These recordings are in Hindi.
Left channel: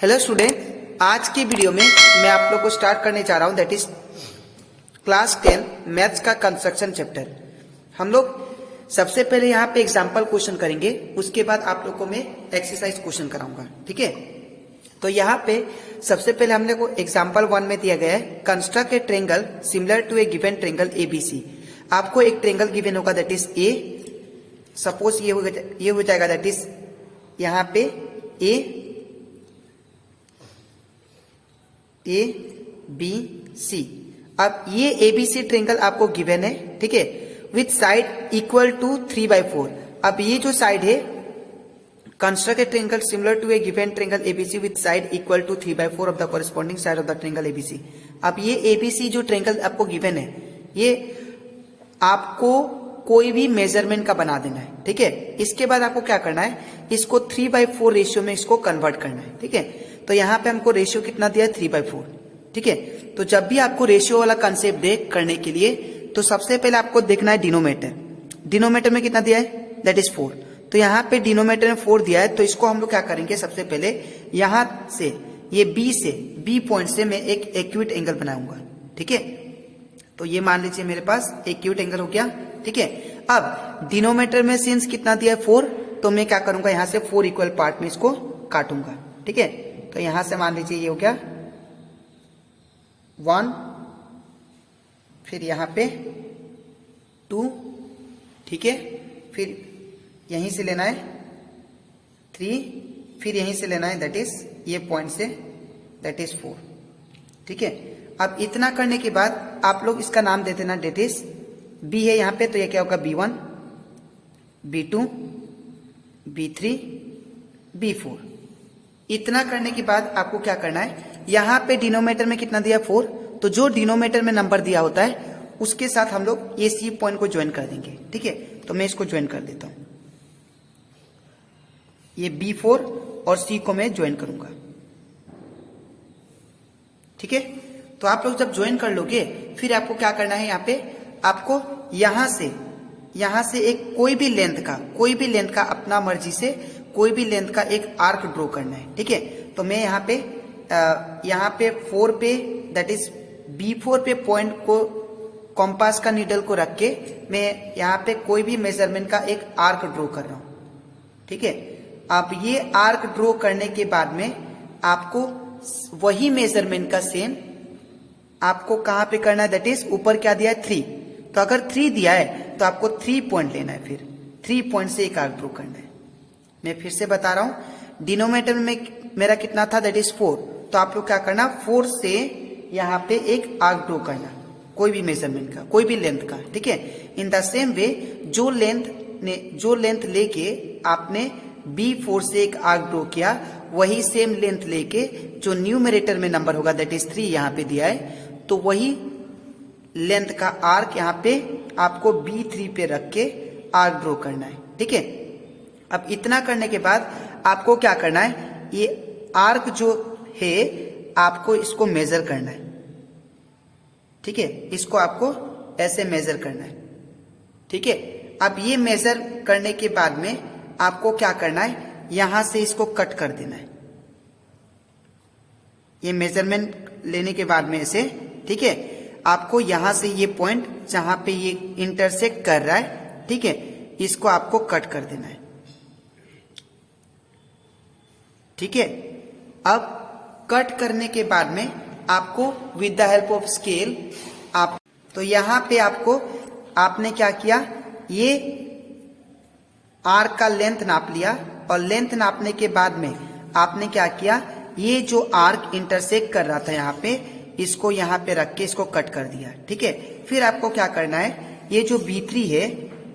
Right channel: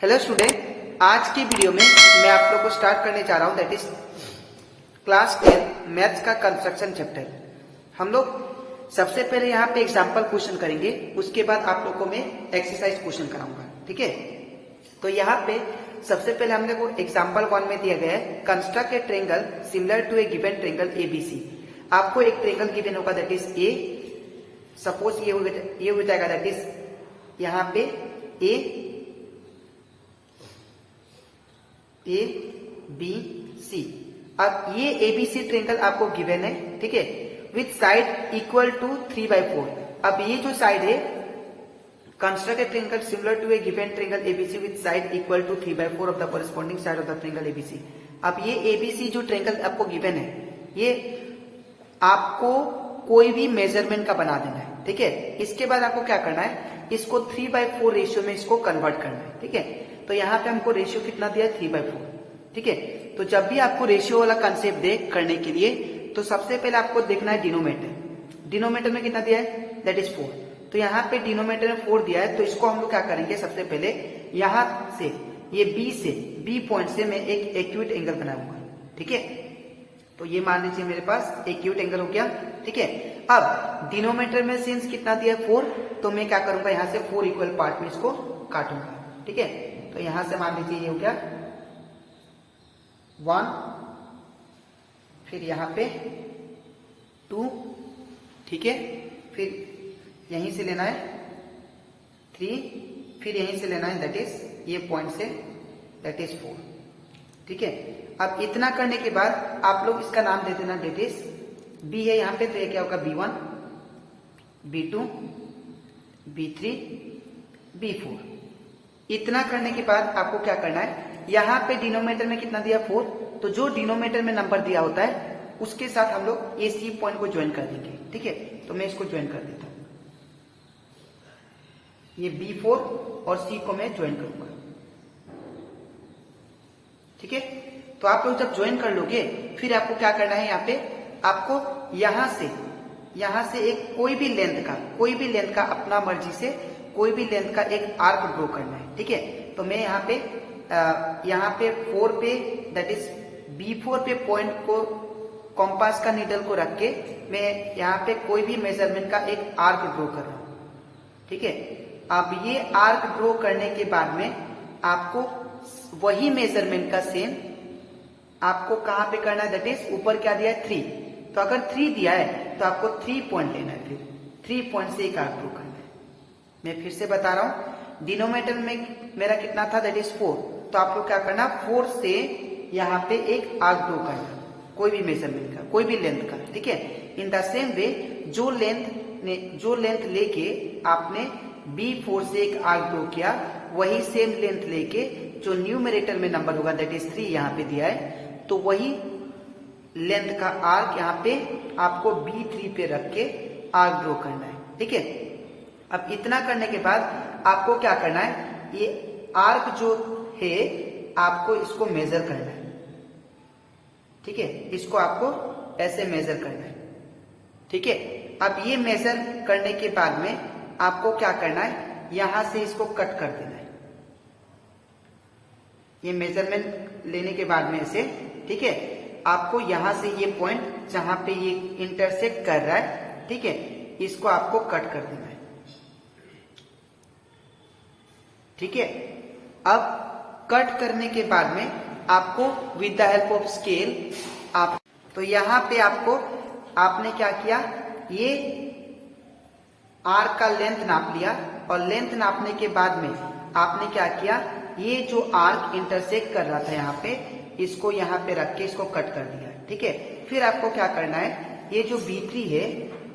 हेलो स्टूडेंट, आज की वीडियो में मैं आप लोग को स्टार्ट करने जा रहा हूं दैट इज क्लास 10 मैथ्स का कंस्ट्रक्शन चैप्टर। हम लोग सबसे पहले यहाँ पे एग्जांपल क्वेश्चन करेंगे, उसके बाद आप लोग को मैं एक्सरसाइज क्वेश्चन कराऊंगा। ठीक है, तो यहाँ पे सबसे पहले हम लोग को एग्जाम्पल 1 में दिया गया है construct a triangle similar to a given triangle ABC. आपको एक ट्रेंगल गिवन होगा दैट इज ए, सपोज ये हो जाएगा दैट इज यहाँ पे ए बी सी। अब ये एबीसी ट्रेंगल आपको गिवन है, ठीक है, विथ साइड इक्वल टू 3/4। अब ये जो साइड है construct a triangle similar to a given triangle ABC with side equal to 3/4 of the corresponding side of the triangle ABC. अब ये एबीसी जो ट्रेंगल आपको गिवन है, ये आपको कोई भी मेजरमेंट का बना देना है। ठीक है, इसके बाद आपको क्या करना है, इसको 3/4 रेशियो में इसको कन्वर्ट करना है। ठीक है, तो यहाँ पे हमको रेशियो कितना दिया है 3/4। ठीक है, तो जब भी आपको रेशियो वाला कंसेप्ट दे करने के लिए, तो सबसे पहले आपको देखना है डिनोमिनेटर। डिनोमिनेटर में कितना दिया है दैट इज 4। तो यहाँ पे डिनोमिनेटर में 4 दिया है, तो इसको हम लोग क्या करेंगे, सबसे पहले यहाँ से ये बी पॉइंट से मैं एक एक्यूट एंगल बनाऊंगा। ठीक है, तो ये मान लीजिए मेरे पास एक्यूट एंगल हो गया। ठीक है, अब डिनोमिनेटर में सिंस कितना दिया है 4, तो मैं क्या करूंगा, यहाँ से 4 इक्वल पार्ट में इसको काटूंगा। ठीक है, तो यहां से मान लीजिए ये हो गया 1, फिर यहां पे 2, ठीक है, फिर यहीं से लेना है 3, फिर यहीं से लेना है दैट इज ये पॉइंट से दैट इज 4। ठीक है, अब इतना करने के बाद आप लोग इसका नाम दे देना दैट इज बी है यहाँ पे, तो ये क्या होगा B1, B2, B3, B4। इतना करने के बाद आपको क्या करना है, यहाँ पे डिनोमिनेटर में कितना दिया 4, तो जो डिनोमिनेटर में नंबर दिया होता है उसके साथ हम लोग ये सी पॉइंट को ज्वाइन कर देंगे। ठीक है, तो मैं इसको ज्वाइन कर देता हूं, ये B4 और सी को मैं ज्वाइन करूंगा। ठीक है, तो आप लोग जब ज्वाइन कर लोगे, फिर आपको क्या करना है, यहाँ पे आपको यहां से एक कोई भी लेंथ का अपना मर्जी से कोई भी लेंथ का एक आर्क ड्रॉ करना है। ठीक है, तो मैं यहाँ पे 4 पे दैट इज B4 पे पॉइंट को कॉम्पास का नीडल को रख के मैं यहाँ पे कोई भी मेजरमेंट का एक आर्क ड्रॉ कर रहा हूं। ठीक है, अब ये आर्क ड्रॉ करने के बाद में आपको वही मेजरमेंट का सेम आपको कहां पे करना है, दैट इज ऊपर क्या दिया है 3। तो अगर 3 दिया है तो आपको 3 पॉइंट लेना है, फिर 3 पॉइंट से एक आर्क ड्रॉ करना है। मैं फिर से बता रहा हूं, डिनोमिनेटर में मेरा कितना था दैट इज 4, तो आप लोग क्या करना 4 से यहाँ पे एक आर्क ड्रॉ करना, कोई भी मेजरमेंट का, कोई भी लेंथ का। ठीक है, इन द सेम वे जो लेंथ लेके आपने B4 से एक आर्क ड्रॉ किया, वही सेम लेंथ लेके जो न्यूमरेटर में नंबर होगा दैट इज 3 यहाँ पे दिया है, तो वही लेंथ का आर्क यहाँ पे आपको B3 पे रख के आर्क ड्रॉ करना है। ठीक है, अब इतना करने के बाद आपको क्या करना है, ये आर्क जो है आपको इसको मेजर करना है। ठीक है, इसको आपको ऐसे मेजर करना है। ठीक है, अब ये मेजर करने के बाद में आपको क्या करना है, यहां से इसको कट कर देना है, ये मेजरमेंट लेने के बाद में इसे। ठीक है, आपको यहां से ये पॉइंट जहां पे ये इंटरसेक्ट कर रहा है, ठीक है, इसको आपको कट कर देना है। ठीक है, अब कट करने के बाद में आपको with the help of scale आप, तो यहां पे आपने क्या किया, ये आर्क का लेंथ नाप लिया, और लेंथ नापने के बाद में आपने क्या किया, ये जो आर्क इंटरसेक्ट कर रहा था यहाँ पे, इसको यहाँ पे रख के इसको कट कर दिया। ठीक है, फिर आपको क्या करना है, ये जो B3 है,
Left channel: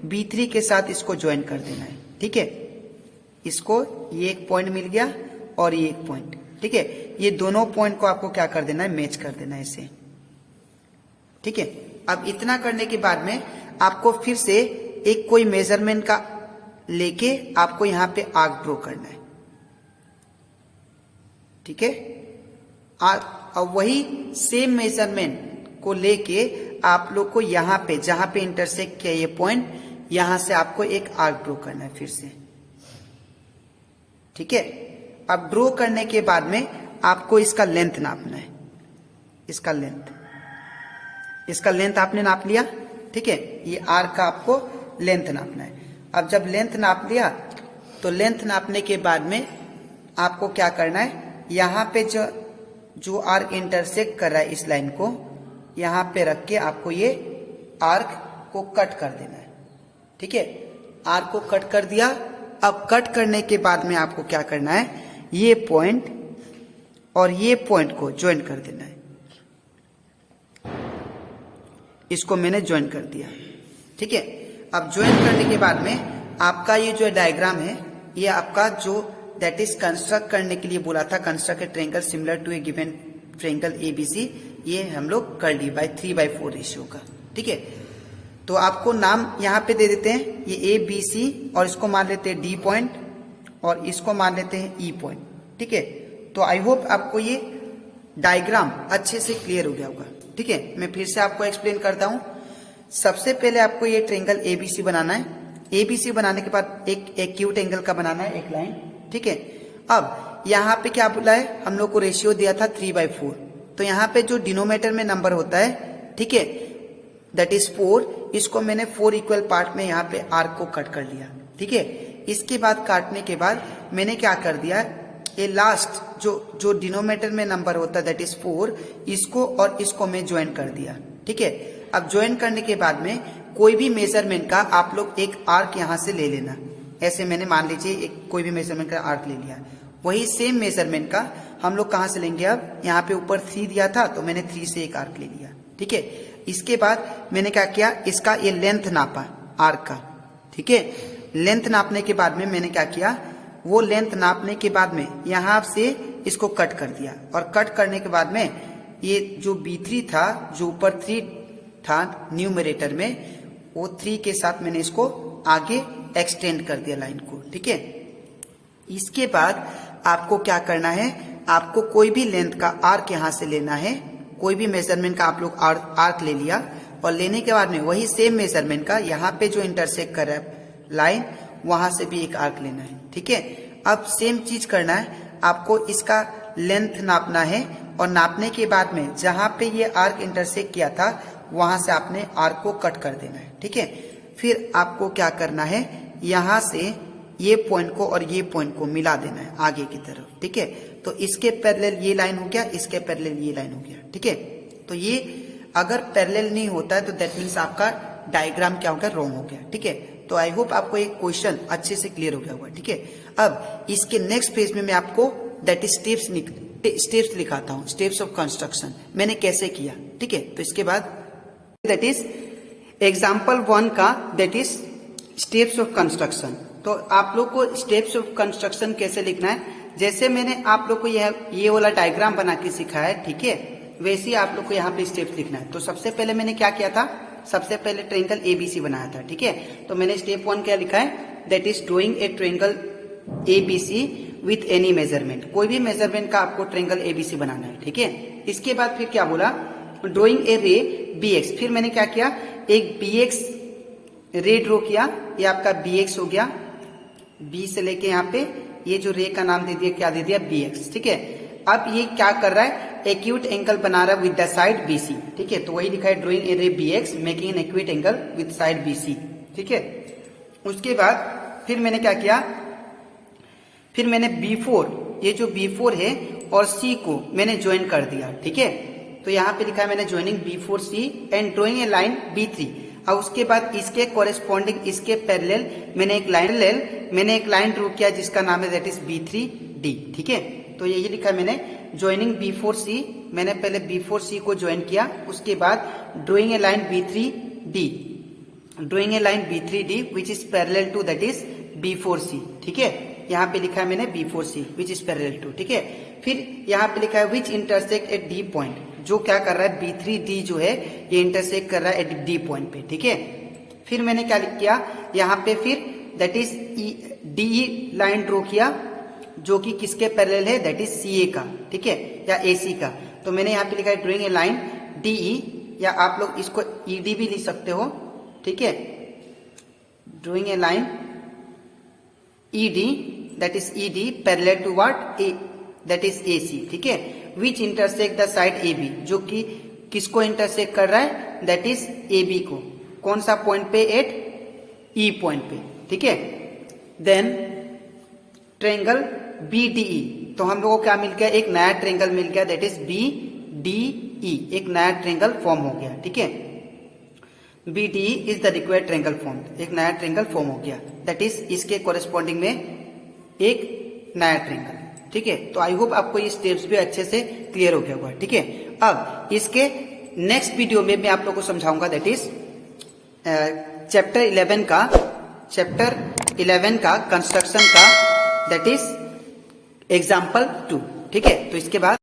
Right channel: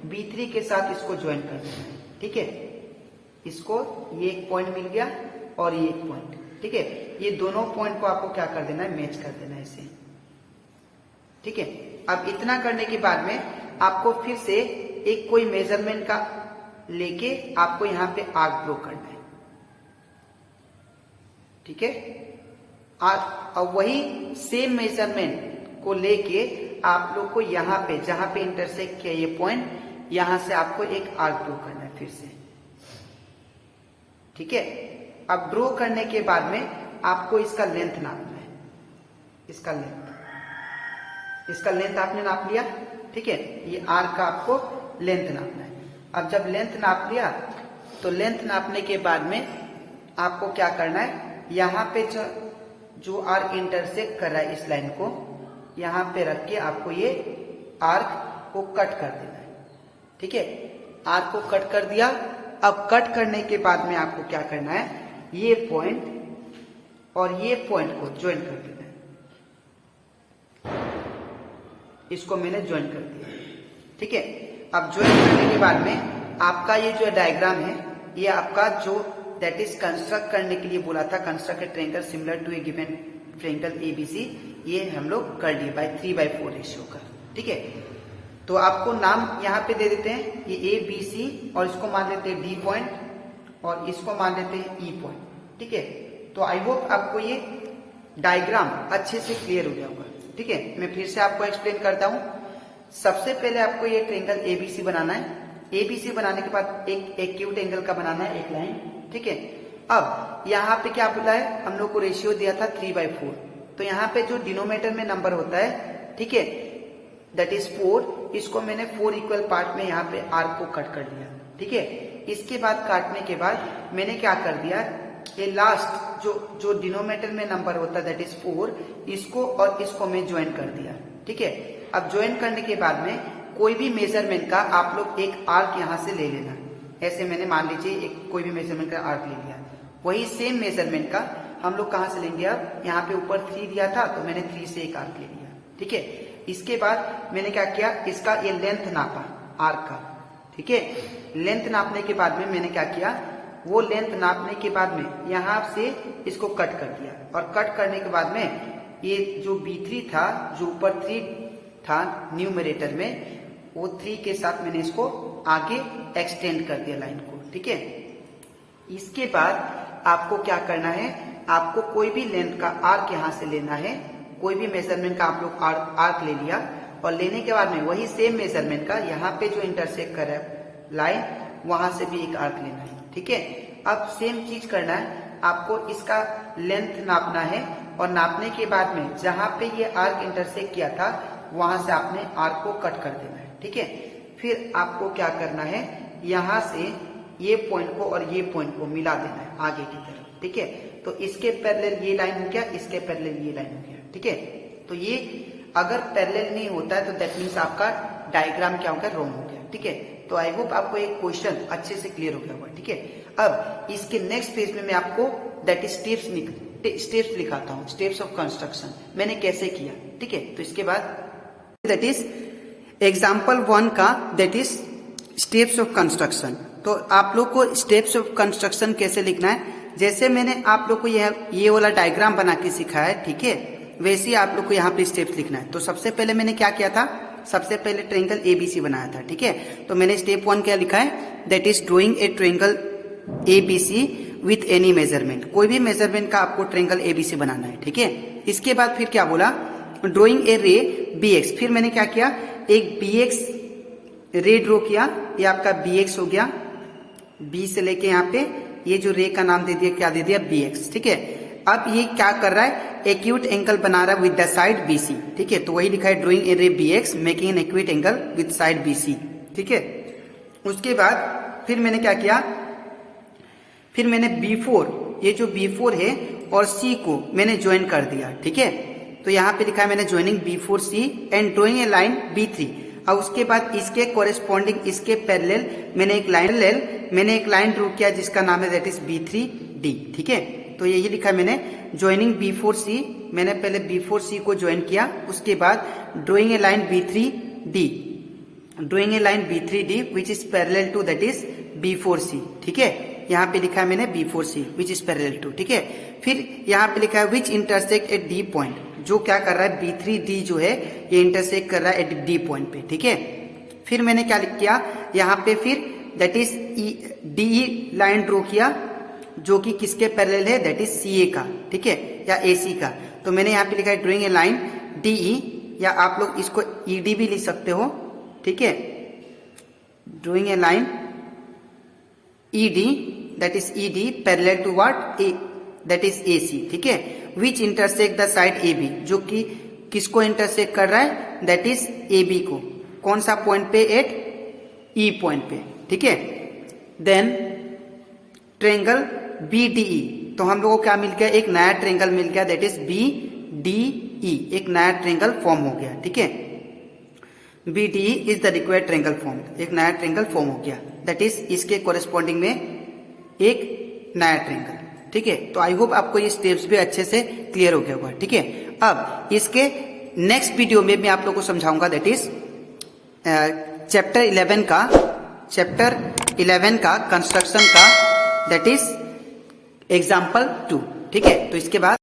B3 के साथ इसको ज्वाइन कर देना है। ठीक है, इसको ये एक पॉइंट मिल गया और ये एक पॉइंट। ठीक है, ये दोनों पॉइंट को आपको क्या कर देना है, मैच कर देना है इसे। ठीक है, अब इतना करने के बाद में आपको फिर से एक कोई मेजरमेंट का लेके आपको यहाँ पे आर्क ड्रॉ करना है। ठीक है, और वही सेम मेजरमेंट को लेके आप लोग को यहाँ पे जहां पे इंटरसेक्ट किया ये पॉइंट, यहां से आपको एक आर्क ड्रॉ करना है फिर से। ठीक है, अब ड्रॉ करने के बाद में आपको इसका लेंथ नापना है, इसका लेंथ आपने नाप लिया, ठीक है। ये आर्क का आपको लेंथ नापना है। अब जब लेंथ नाप लिया तो लेंथ नापने के बाद में आपको क्या करना है, यहाँ पे जो आर्क इंटरसेक्ट कर रहा है इस लाइन को यहाँ पे रख के आपको ये आर्क को कट कर देना है, ठीक है। आर्क को कट कर दिया। अब कट करने के बाद में आपको क्या करना है, ये पॉइंट और ये पॉइंट को ज्वाइन कर देना है। इसको मैंने ज्वाइन कर दिया, ठीक है। अब ज्वाइन करने के बाद में आपका ये जो डायग्राम है, ये आपका जो दैट इज कंस्ट्रक्ट करने के लिए बोला था, construct a triangle similar to a given triangle ABC, ये हम लोग कर लिए बाय 3/4 रेशियो का, ठीक है। तो आपको नाम यहाँ पे दे देते हैं, ये ए बी सी, और इसको मान लेते हैं डी पॉइंट और इसको मान लेते हैं ई पॉइंट, ठीक है। तो आई होप आपको ये डायग्राम अच्छे से क्लियर हो गया होगा, ठीक है। मैं फिर से आपको एक्सप्लेन करता हूँ। सबसे पहले आपको ये ट्रायंगल एबीसी बनाना है। एबीसी बनाने के बाद एक एक्यूट एंगल का बनाना है, एक लाइन, ठीक है। अब यहाँ पे क्या बोला है, हम लोग को रेशियो दिया था 3/4, तो यहाँ पे जो डिनोमिनेटर में नंबर होता है, ठीक है, दैट इज 4, इसको मैंने 4 इक्वल पार्ट में यहाँ पे आर्क को कट कर लिया, ठीक है। इसके बाद काटने के बाद मैंने क्या कर दिया, ये लास्ट जो डिनोमिनेटर में नंबर होता है दैट इज 4, इसको और इसको मैं ज्वाइन कर दिया, ठीक है। अब ज्वाइन करने के बाद में कोई भी मेजरमेंट का आप लोग एक आर्क यहाँ से ले लेना। ऐसे मैंने मान लीजिए एक कोई भी मेजरमेंट का आर्क ले लिया, वही सेम मेजरमेंट का हम लोग कहाँ से लेंगे, अब यहाँ पे ऊपर 3 दिया था तो मैंने 3 से एक आर्क ले लिया, ठीक है। इसके बाद मैंने क्या किया, इसका ये लेंथ नापा आर्क का, ठीक है। लेंथ नापने के बाद में मैंने क्या किया, वो लेंथ नापने के बाद में यहाँ से इसको कट कर दिया, और कट करने के बाद में ये जो B3 था, जो ऊपर 3 था न्यूमरेटर में, वो 3 के साथ मैंने इसको आगे एक्सटेंड कर दिया लाइन को, ठीक है। इसके बाद आपको क्या करना है, आपको कोई भी लेंथ का आर्क यहाँ से लेना है, कोई भी मेजरमेंट का आप लोग आर्क ले लिया, और लेने के बाद में वही सेम मेजरमेंट का यहाँ पे जो इंटरसेक्ट कर रहा है लाइन, वहां से भी एक आर्क लेना है, ठीक है। अब सेम चीज करना है, आपको इसका लेंथ नापना है, और नापने के बाद में जहां पे ये आर्क इंटरसेक्ट किया था वहां से आपने आर्क को कट कर देना है, ठीक है। फिर आपको क्या करना है, यहाँ से ये पॉइंट को और ये पॉइंट को मिला देना है आगे की तरफ, ठीक है। तो इसके पैरेलल ये लाइन हो गया, इसके पैरेलल ये लाइन हो गया, ठीक है। तो ये अगर पैरेलल नहीं होता है तो दैट मीन्स आपका डायग्राम क्या हो गया, रॉन्ग हो गया, ठीक है। तो आई होप आपको एक क्वेश्चन अच्छे से क्लियर हो गया होगा, ठीक है। अब इसके नेक्स्ट पेज में मैं आपको दैट इज स्टेप्स लिखाता हूँ, स्टेप्स ऑफ कंस्ट्रक्शन मैंने कैसे किया, ठीक है। तो इसके बाद दैट इज एग्जाम्पल 1 का that is steps of construction. तो आप लोग को स्टेप्स ऑफ कंस्ट्रक्शन कैसे लिखना है, जैसे मैंने आप लोग को ये वाला डायग्राम बना के सिखाया है, ठीक है, वैसे ही आप लोग को यहाँ पे स्टेप्स लिखना है। तो सबसे पहले मैंने क्या किया था, सबसे पहले ट्रायंगल एबीसी बनाया था, ठीक है। तो मैंने स्टेप 1 क्या लिखा है, that is drawing a triangle ABC with any measurement. कोई भी मेजरमेंट का आपको ट्रायंगल एबीसी बनाना है, ठीक है। इसके बाद फिर क्या बोला, ड्रॉइंग ए रे बीएक्स। फिर मैंने क्या किया, एक बीएक्स रे ड्रॉ किया, ये आपका बीएक्स हो गया, बी से लेके यहाँ पे ये जो रे का नाम दे दिया, क्या दे दिया, बीएक्स, ठीक है। अब ये क्या कर रहा है, एक्यूट एंगल बना रहा है विद द साइड बीसी, ठीक है। तो वही लिखा है ड्रॉइंग ए रे BX making an acute angle with side BC, ठीक है। उसके बाद फिर मैंने क्या किया, फिर मैंने B4, ये जो B4 है और C को मैंने ज्वाइन कर दिया, ठीक है। तो यहाँ पे लिखा है मैंने joining B4C and drawing a line B3। अब उसके बाद इसके कोरेस्पॉन्डिंग इसके पैरेलल मैंने एक लाइन ड्रॉ किया जिसका नाम है दैट इज B3D, ठीक है। तो यही लिखा है मैंने ज्वाइनिंग B4C, मैंने पहले B4C को ज्वाइन किया, उसके बाद drawing a line B3D which is parallel to that is B4C, ठीक है। यहाँ पे लिखा है मैंने B4C which is parallel to, ठीक है। फिर यहाँ पे लिखा है which intersect at D point, जो क्या कर रहा है, B3D जो है ये इंटरसेक्ट कर रहा है एट D पॉइंट पे, ठीक है। फिर मैंने क्या किया, यहाँ पे फिर that is DE line draw किया, जो कि किसके पैरेलल है, दैट इज CA का, ठीक है, या AC का। तो मैंने यहाँ पे लिखा है ड्रॉइंग ए लाइन DE, या आप लोग इसको ED भी लिख सकते हो, ठीक है। Drawing a line ED that is ED parallel to what, a that is AC, ठीक है। Which intersect the side A B, जो कि किसको इंटरसेक्ट कर रहा है, दैट इज ए बी को, कौन सा पॉइंट पे, एट ई पॉइंट पे, ठीक है। Then triangle B D E, तो हम लोगों को क्या मिल गया, एक नया ट्रेंगल मिल गया, that is B D E, एक नया ट्रेंगल फॉर्म हो गया, ठीक है। B D E is the required triangle form, एक नया ट्रेंगल फॉर्म हो गया, दैट इज इसके कोरेस्पॉन्डिंग में एक नया ट्रेंगल, ठीक है। तो आई होप आपको ये स्टेप्स भी अच्छे से क्लियर हो गया होगा, ठीक है। अब इसके नेक्स्ट वीडियो में मैं आप लोगों को समझाऊंगा, दैट इज चैप्टर 11 का कंस्ट्रक्शन का, दैट इज एग्जाम्पल 2, ठीक है। तो इसके बाद